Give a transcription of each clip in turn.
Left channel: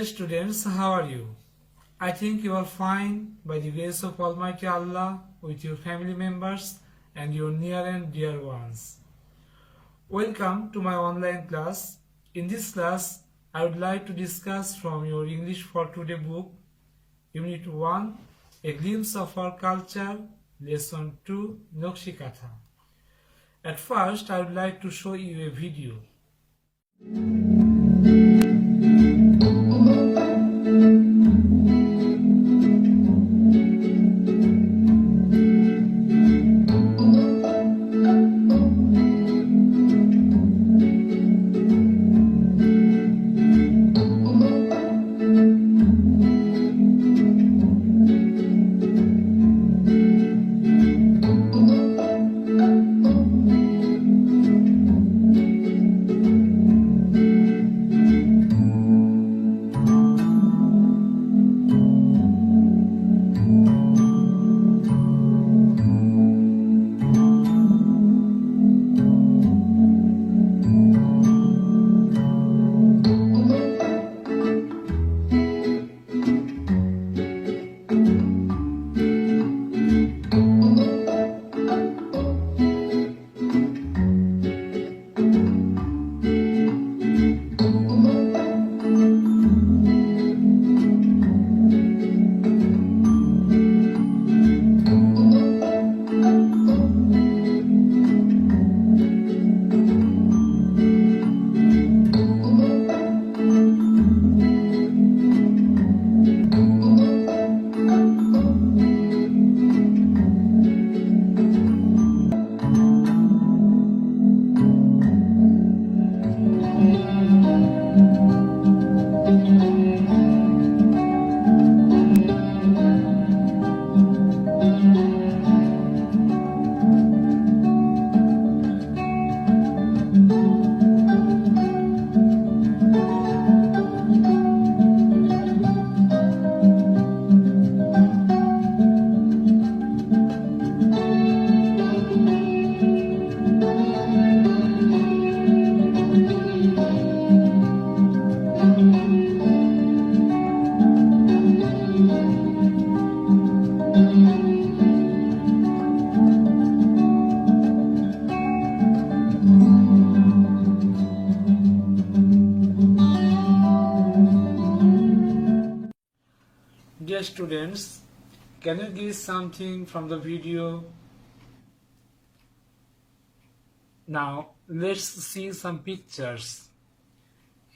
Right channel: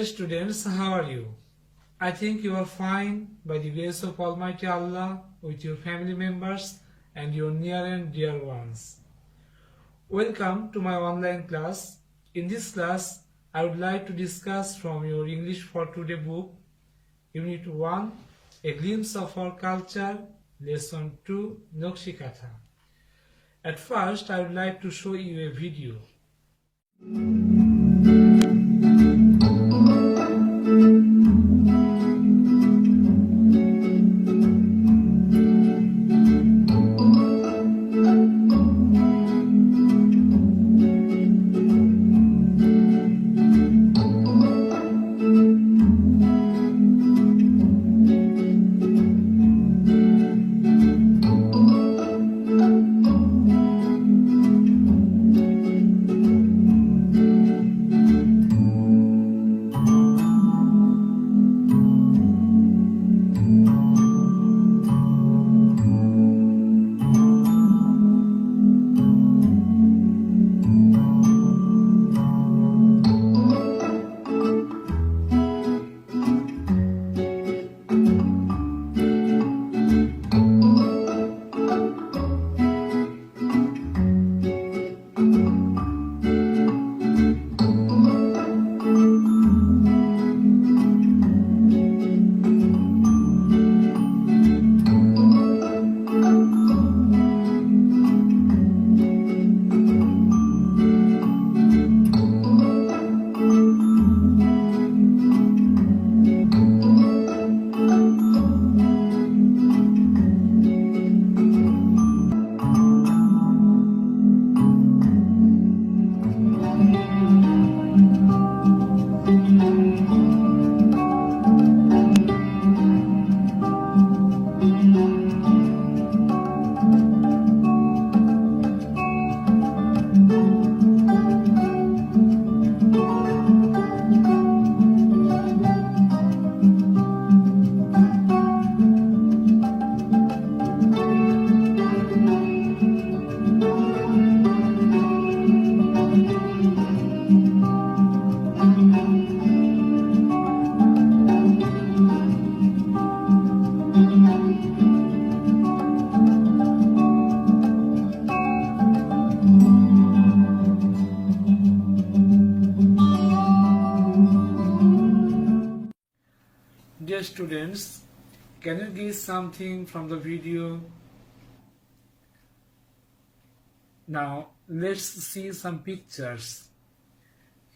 Dear students, how are you? I think you are fine by the grace of Almighty Allah with your family members and your near and dear ones. Welcome to my online class. In this class, I would like to discuss from your English for Today book, Unit 1, A Glimpse of Our Culture, Lesson 2, Nokshikatha. At first, I would like to show you a video. Dear students, can you give something from the video? Now let's see some pictures.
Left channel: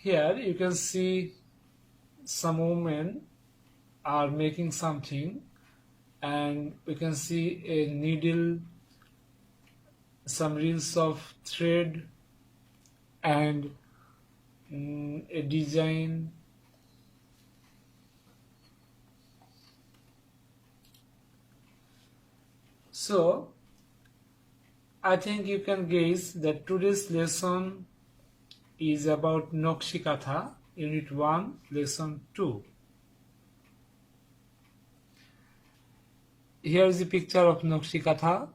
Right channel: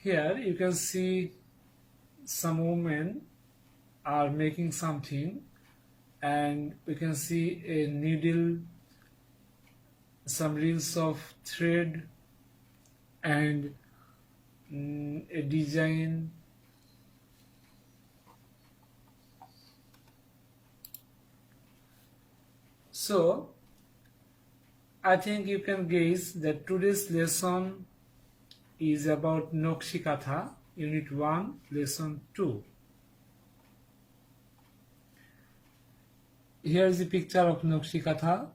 Here you can see some women are making something, and we can see a needle, some reels of thread, and a design. So, I think you can guess that today's lesson is about Nokshikatha, Unit 1, Lesson 2. Here is a picture of Nokshikatha.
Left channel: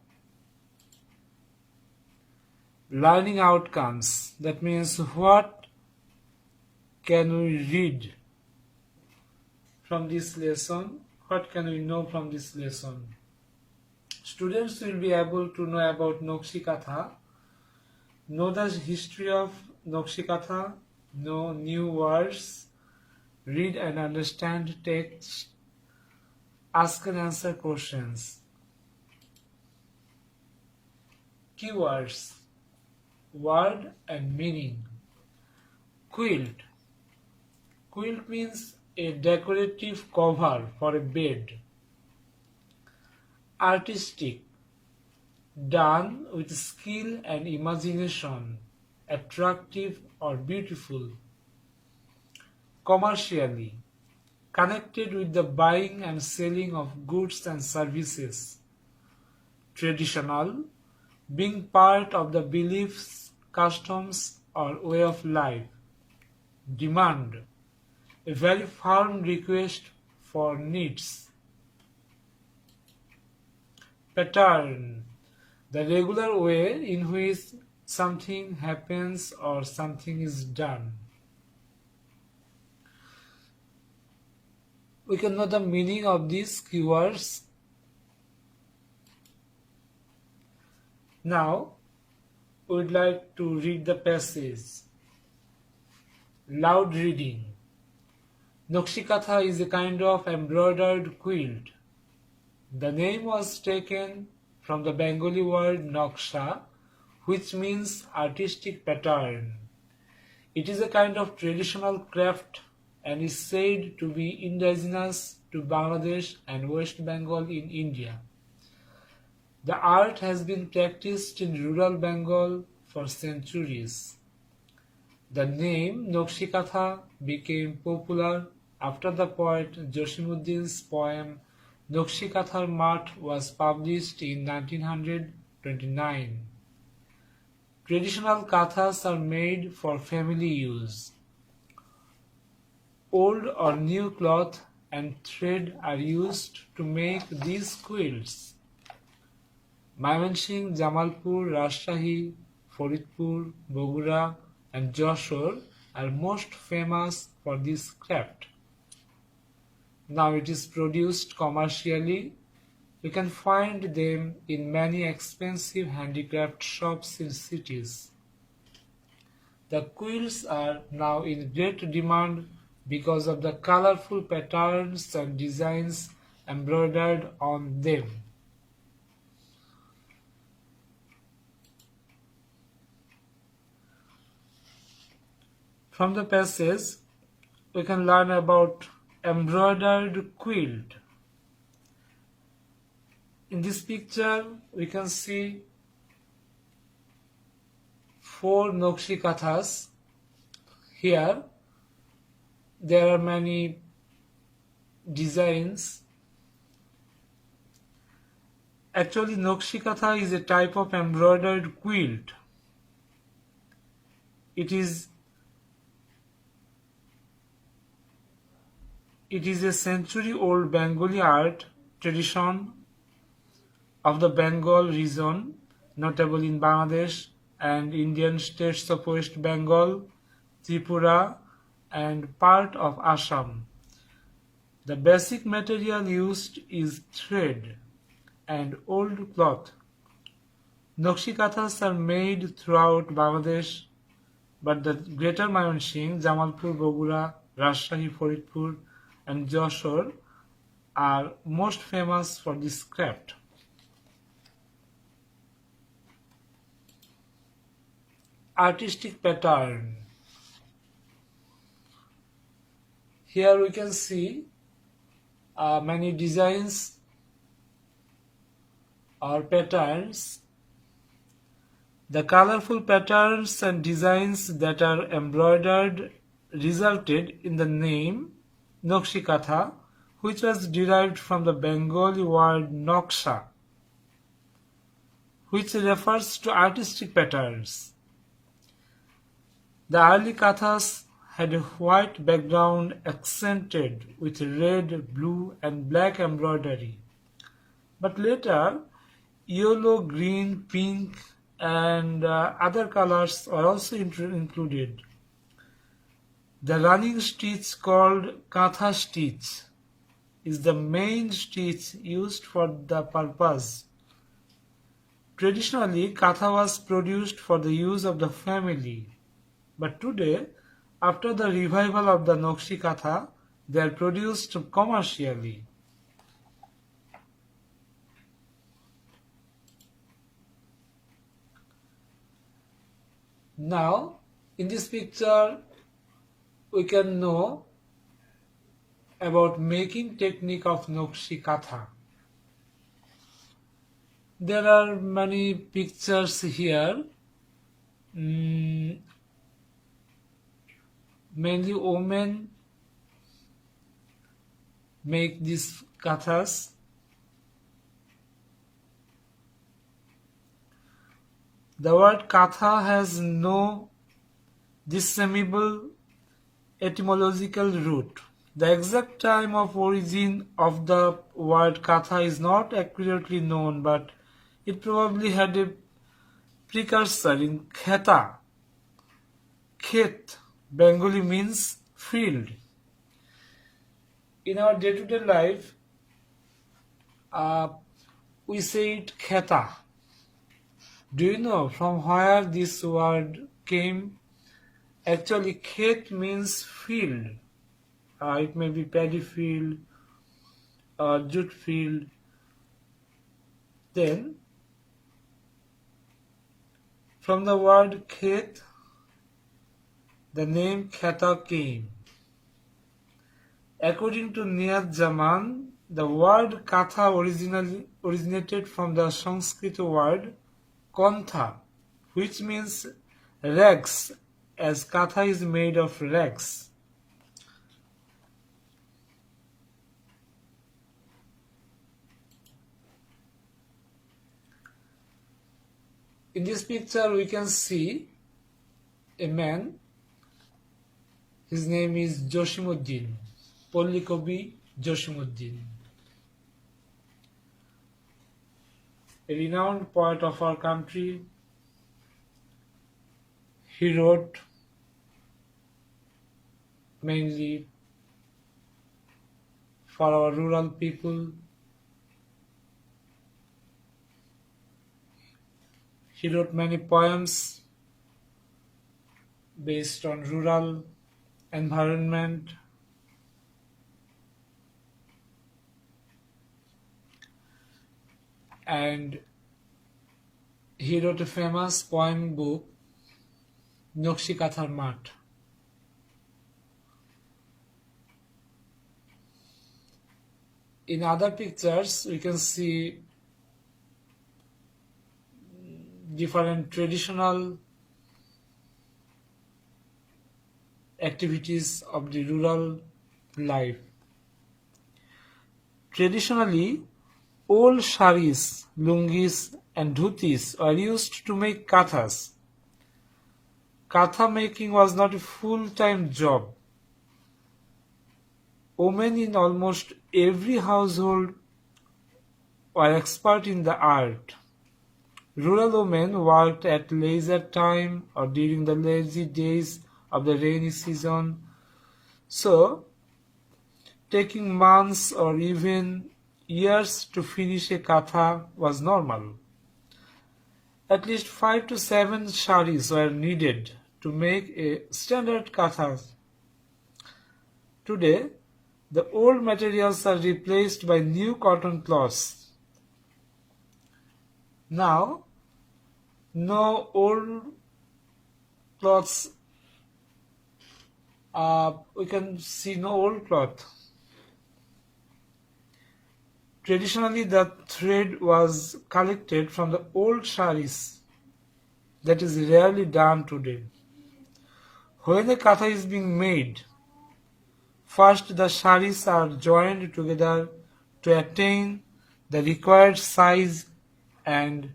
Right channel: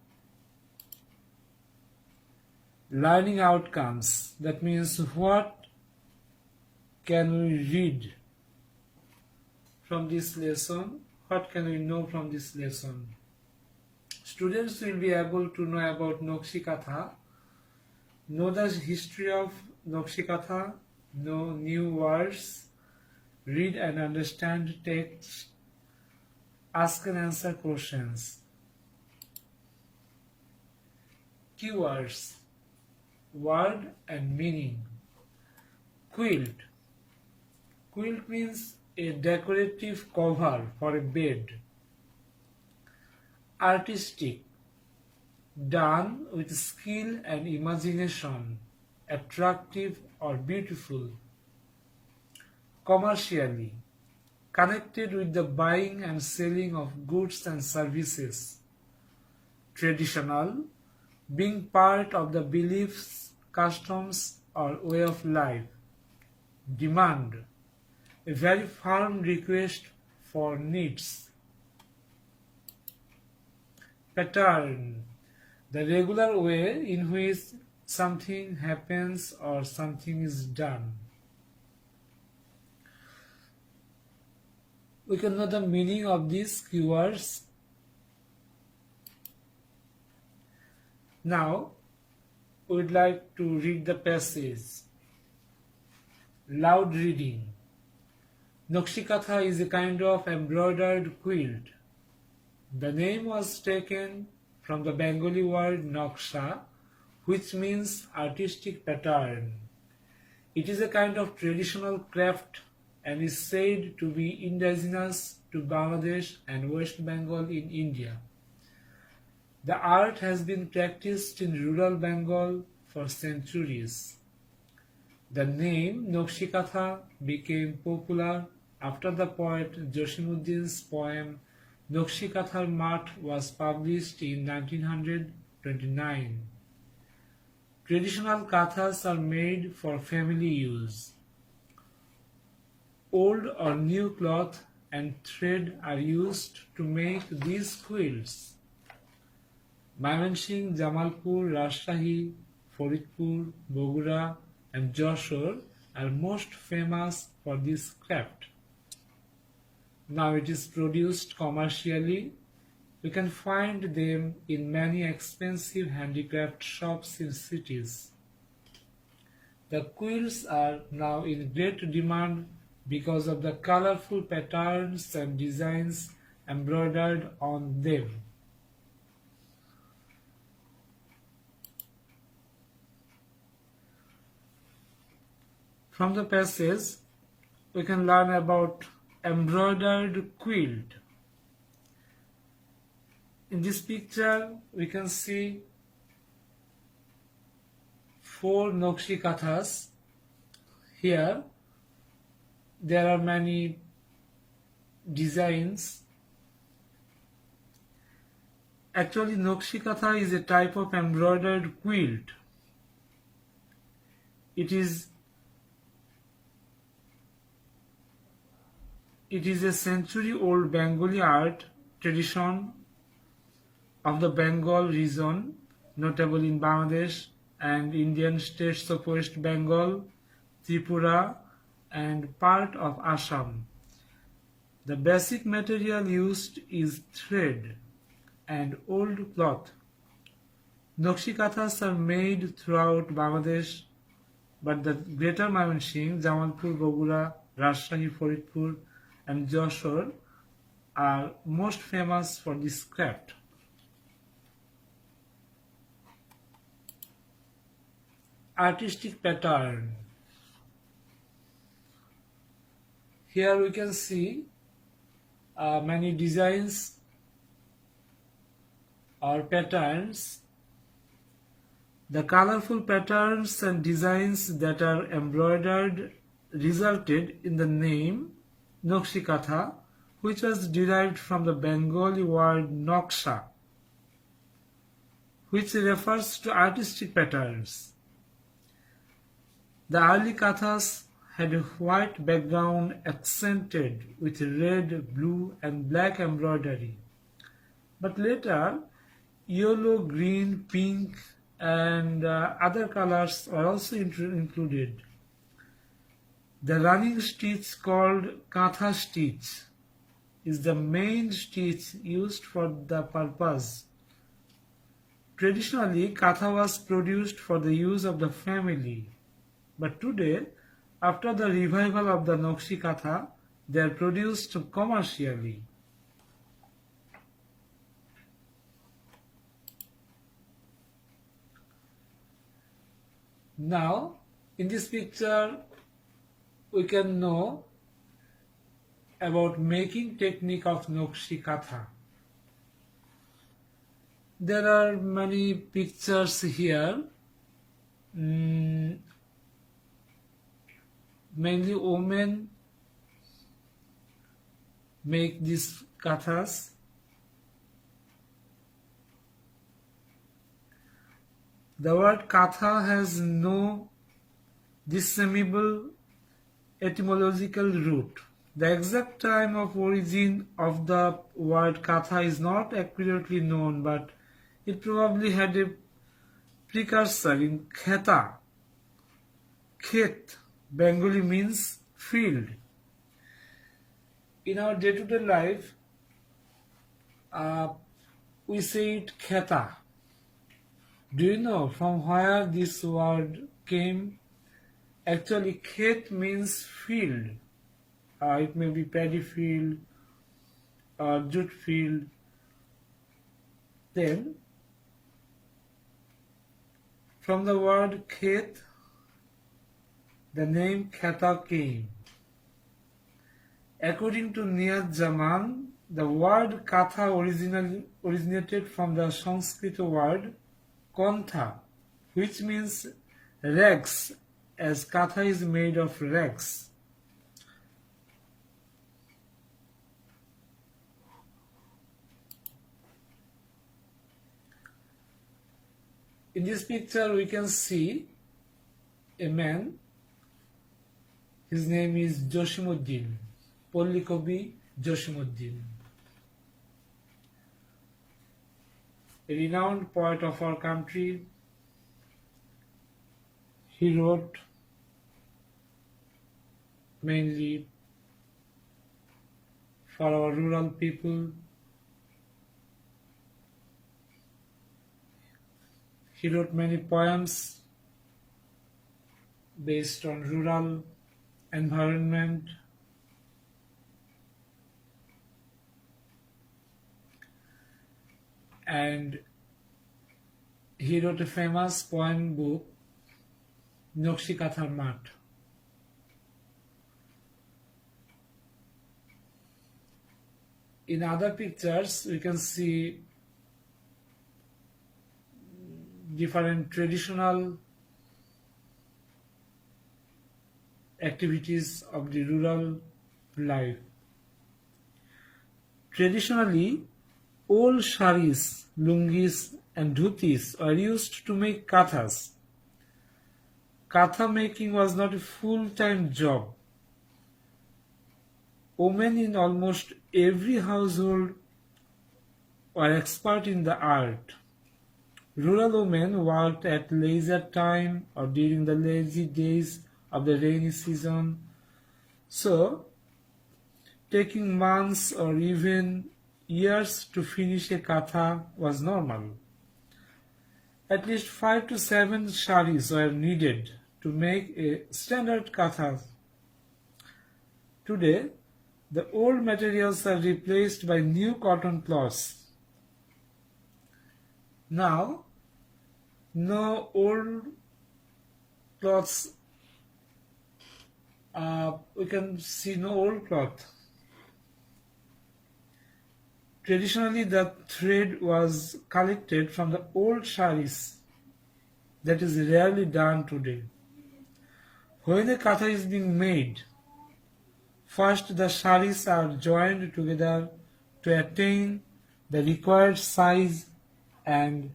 Learning outcomes, that means what can we read from this lesson? What can we know from this lesson? Students will be able to know about Nokshikatha, know the history of Nokshikatha, know new words, read and understand text, ask and answer questions. Keywords, word and meaning. Quilt. Quilt means a decorative cover for a bed. Artistic, done with skill and imagination, attractive or beautiful. Commercially, connected with the buying and selling of goods and services. Traditional, being part of the beliefs, customs or way of life. Demand, a very firm request for needs. Pattern, the regular way in which something happens or something is done. we can know the meaning of these keywords. Now we would like to read the passage. Loud reading. Nokshikatha is a kind of embroidered quilt. The name was taken from the Bengali word noksha, which means artistic pattern. It is a kind of traditional craft and is said to be indigenous to Bangladesh and West Bengal in India. The art has been practiced in rural Bengal for centuries. The name Nokshikatha became popular after the poet Josimuddin's poem Nokshikatha's Math was published in 1929. Traditional kathas are made for family use. Old or new cloth and thread are used to make these quilts. Mymensingh, Jamalpur, Rajshahi, Faridpur, Bogura and Jashore are most famous for this craft. Now it is produced commercially. You can find them in many expensive handicraft shops in cities. The quilts are now in great demand because of the colorful patterns and designs embroidered on them. From the passage, we can learn about embroidered quilt. In this picture, we can see 4 Nokshikathas. Here, there are many designs. Actually, Nokshikatha is a type of embroidered quilt. It is a century-old Bengali art tradition of the Bengal region, notable in Bangladesh and Indian states of West Bengal, Tripura, and part of Assam. The basic material used is thread and old cloth. Nokshikathas are made throughout Bangladesh, but the Greater Mymensingh, Jamalpur, Bogura, Rajshahi, Faridpur, and Jashore are most famous for this craft. Artistic pattern. Here we can see many designs or patterns. The colorful patterns and designs that are embroidered resulted in the name Nokshikatha, which was derived from the Bengali word noksha, which refers to artistic patterns. The early kathas had a white background accented with red, blue and black embroidery. But later, yellow, green, pink and other colors were also included. The running stitch called katha stitch is the main stitch used for the purpose. Traditionally, katha was produced for the use of the family, but today, after the revival of the Nokshikatha, they are produced commercially. Now, in this picture, we can know about making technique of Nokshikatha. There are many pictures here. Mainly women make these kathas. The word katha has no discernible etymological root. The exact time of origin of the word katha is not accurately known, but it probably had a precursor in kheta. Khet, Bengali means field. In our day-to-day life, uh, we say it kheta. Do you know from where this word came? Actually, khet means field. It may be paddy field or jute field. Then, from the word khet, the name kheta came. According to Niyat Jaman, the word katha originated from the Sanskrit word kontha, which means rags, as katha is made of rags. In this picture, we can see a man. His name is Joshimuddin, Pollikobi Joshimuddin, a renowned poet of our country. He wrote mainly for our rural people. He wrote many poems based on rural environment. And he wrote a famous poem book, Nokshi Kathar Mat. In other pictures, we can see different traditional activities of the rural life. Traditionally, old saris, lungis and dhutis were used to make kathas. Katha making was not a full-time job. Women in almost every household were expert in the art. Rural women worked at leisure time or during the lazy days of the rainy season. So, taking months or even years to finish a katha was normal. At least 5 to 7 saris were needed to make a standard katha. Today, the old materials are replaced by new cotton cloths. Now, no old cloths, we can see no old cloth. Traditionally, the thread was collected from the old saris. That is rarely done today. When a katha is being made, first the saris are joined together to attain the required size, and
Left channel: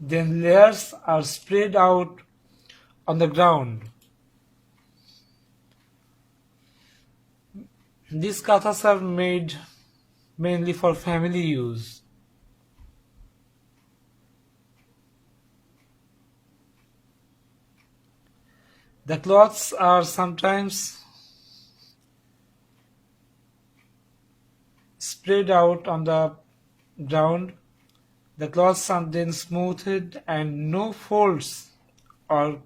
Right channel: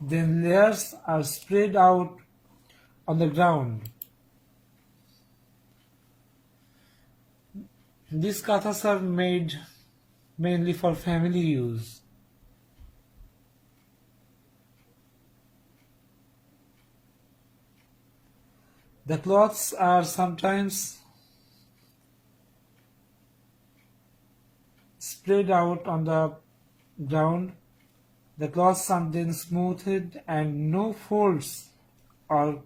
then layers are spread out on the ground. These kathas are made mainly for family use. The cloths are sometimes spread out on the ground. The cloths are then smoothed and no folds or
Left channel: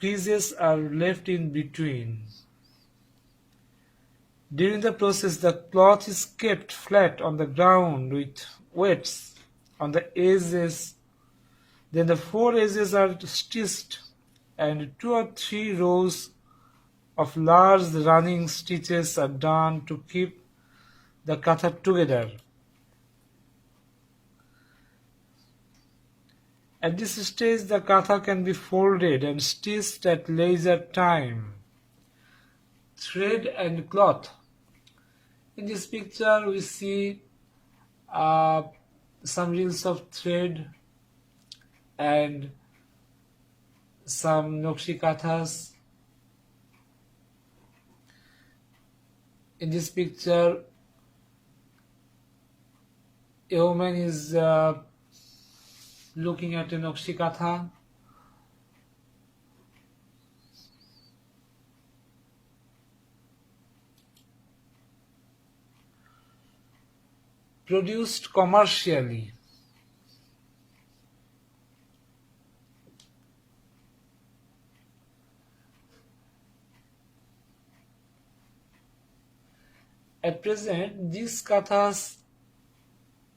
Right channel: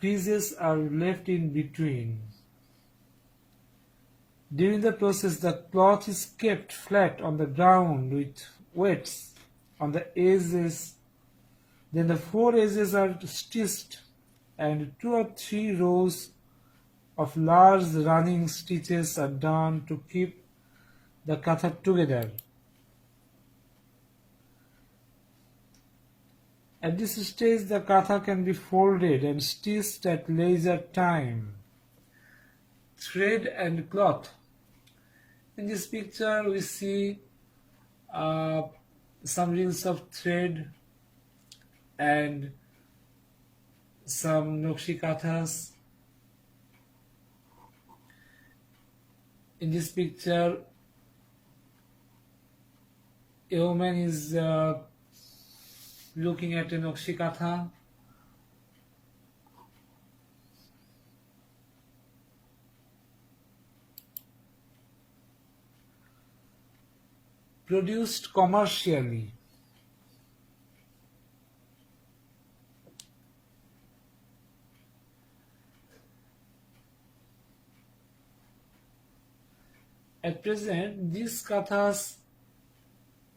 creases are left in between. During the process, the cloth is kept flat on the ground with weights on the edges. Then the 4 edges are stitched and 2 or 3 rows of large running stitches are done to keep the katha together. At this stage, the katha can be folded and stitched at leisure time. Thread and cloth. In this picture, we see some reels of thread and some Nokshi kathas. In this picture, a woman is looking at a Nokshi katha. produced commercially. At present, these kathas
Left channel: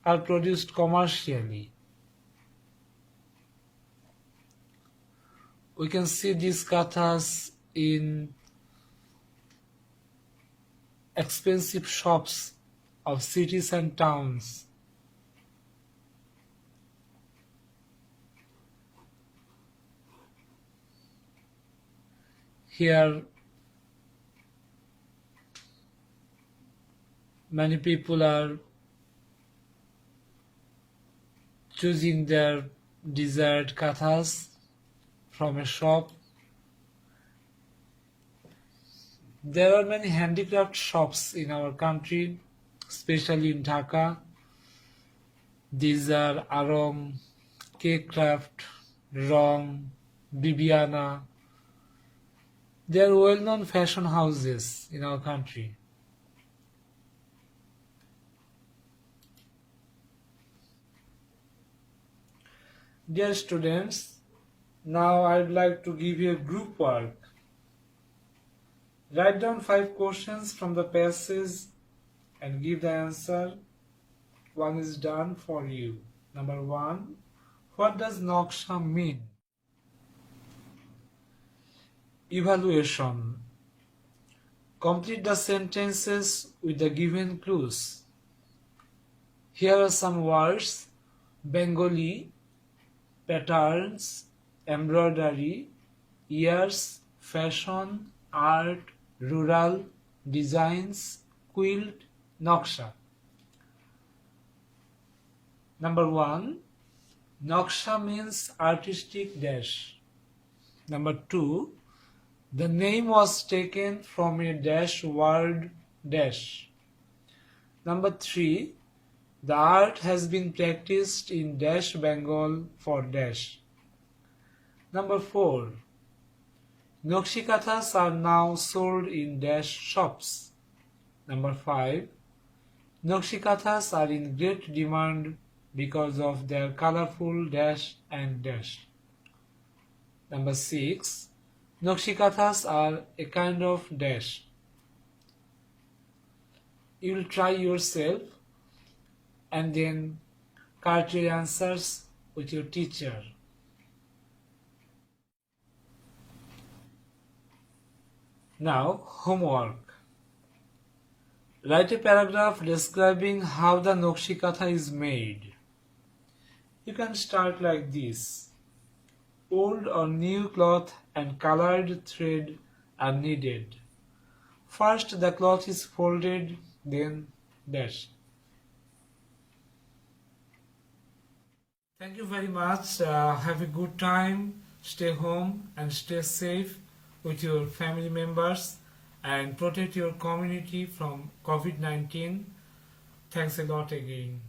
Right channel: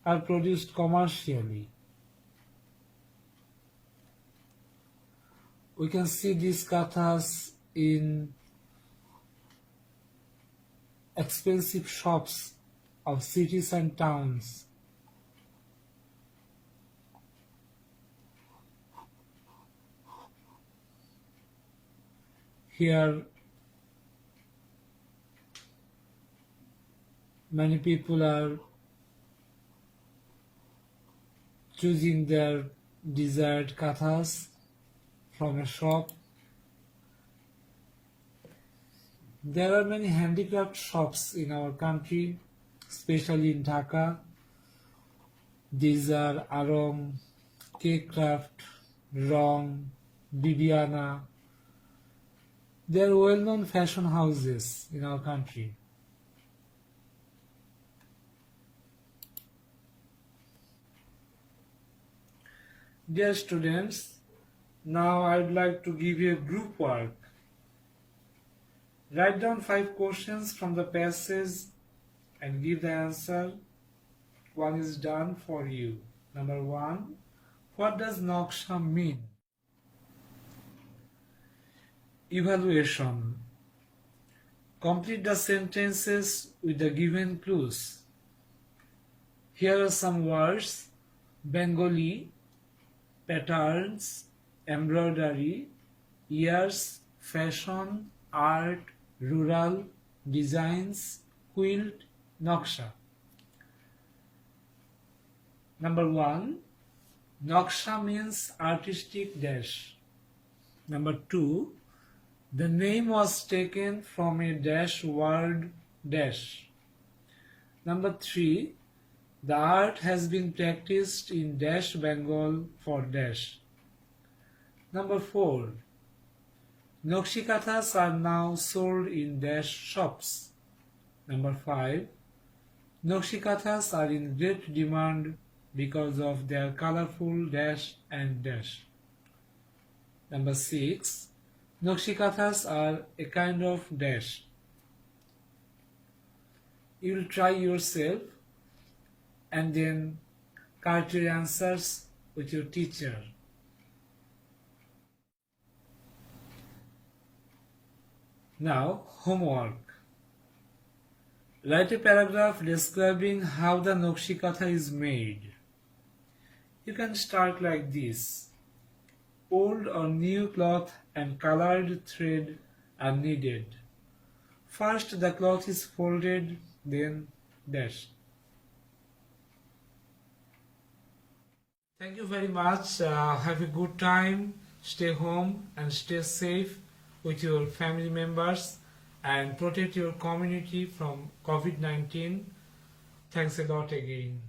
are produced commercially. We can see these kathas in expensive shops of cities and towns. Here, many people are choosing their desired kathas from a shop. There are many handicraft shops in our country, especially in Dhaka. These are Aram, K-Craft, Rong, Bibiana. They are well-known fashion houses in our country. Dear students, now I would like to give you a group work. Write down 5 questions from the passage and give the answer. One is done for you. Number 1. What does Naksha mean? Evaluation. Complete the sentences with the given clues. Here are some words: Bengali, patterns, embroidery, years, fashion, art, rural, designs, quilt, Naksha. Number 1. Naksha means artistic dash. Number 2. The name was taken from a dash word dash. Number 3. The art has been practiced in dash Bengal for dash. Number 4. Nakshi kathas are now sold in dash shops. Number 5. Nakshi kathas are in great demand because of their colorful dash and dash. Number 6. Nakshi kathas are a kind of dash. You will try yourself and then correct your answers with your teacher. Now, homework. Write a paragraph describing how the Nakshi Katha is made. You can start like this. Old or new cloth and colored thread are needed. First the cloth is folded, then dashed. Thank you very much. Have a good time. Stay home and stay safe with your family members and protect your community from COVID-19. Thanks a lot again.